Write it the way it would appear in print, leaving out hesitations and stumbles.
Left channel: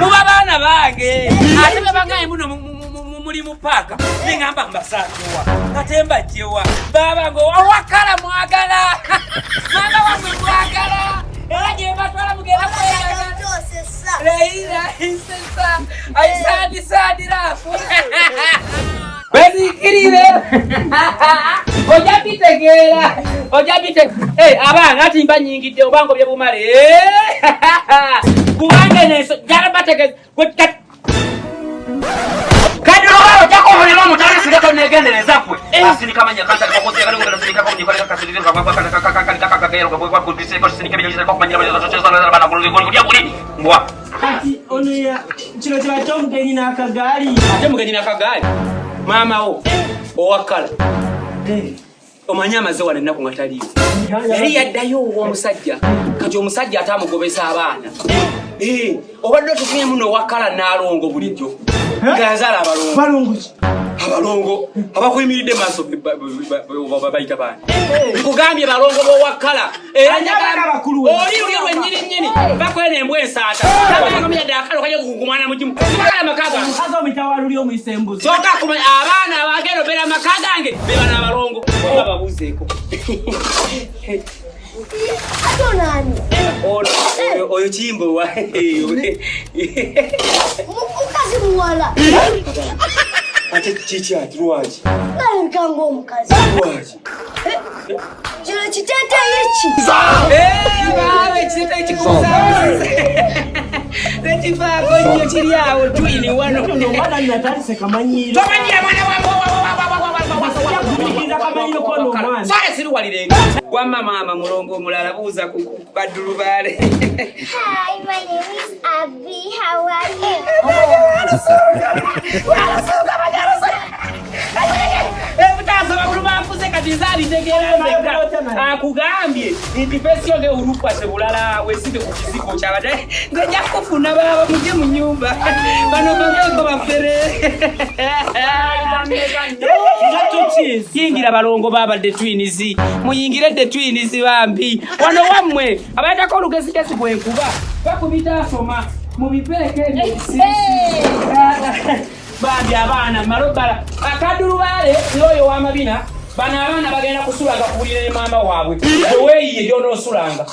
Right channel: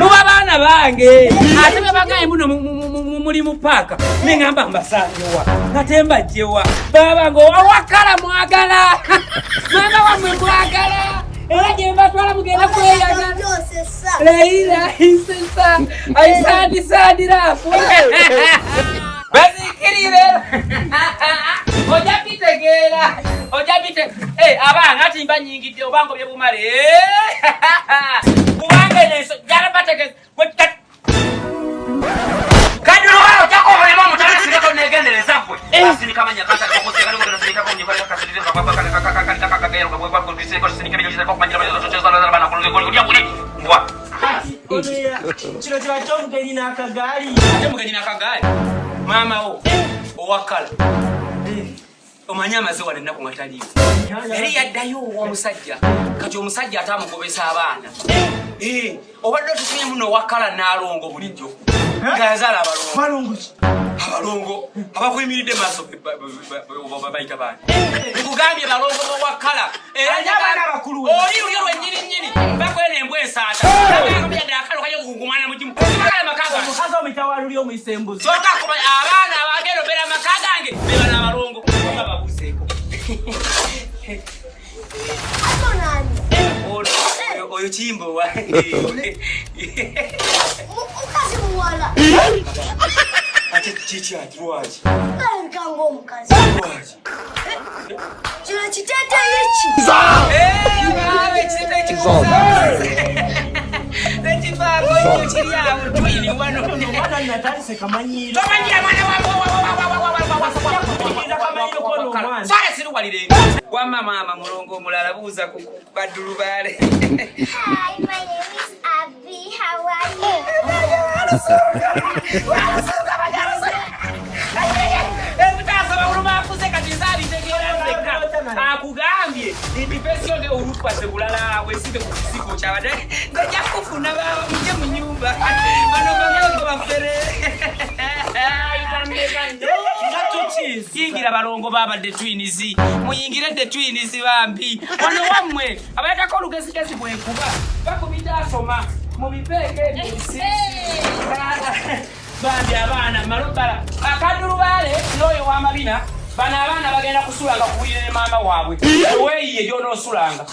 muba bana bange ate babangaye muno muri mupaka nengamba mbasanjwa katemba jewa baba ngo awakala mwagala mama wamwe mwagala era je batwala mugenda kweyagala leila isesa aisadi sadi rafu basi kirire ojapite abanga ati mba nyingide obango bye bumale kubange neso jarabateke kadro wao jako mulimo mutari singato negendereza kwe basi nikamanya kanta kwa kose kali ngona sinika kwa ndifanya kasirire kwa kaka gairo kwa kudise kwa sinika bijira kwa manyira bya zocho sana bana kuluzi kwa kudia buri mbwa onuya chilo cha tomgeni na kagari mama o owakala omanyama ze wale nako ngataliyo yali yaddayo omusajja kati omusajja atamugobesa abaana obadde tufunye muno wakala nalongo bulijjo ngazala abalongo abakuyimiridde maaso babayita baana nkugambye balongo bo wakala oli nyini bakwene embwe ensaata abakamyadde akalo kaje kugumana mujimu kala makaga mukaza omitawaluli omusembuzi soka kuma abaana abageno bera makagange bebana abalongo babuzeeko Adonani. Oyo Kimbowa. Mukazi muwala. Ate chichi atruwaji. Nkango mukazi. Atruwaji. Jira chitete ichi. Bawe chitete ichi. Netifa konyo chiri yawo twini wano mwana natali sekamanyiro. Tomanyira mwana wako. Sare siru walirega. Kwa mama mulongo mulala buza kubadulu bale. Hi, my name is Abby. How are you? Akugambye indifesio nge urupa sebulala wesite kukiziko chabade ngejja kufuna baba muje mu nyumba bano bango bafere yingira balongo baba de twinizi muyingire de twinizi bambi wano wamwe abayata ko lugezi kesi bwekuba bakubita soma mu bipeleke n'ebisisi bambi abana malobala akaduru bale loyo wamabina bana abana bagenda kusulanga kubulire mama waabwe weyiye yono sulanga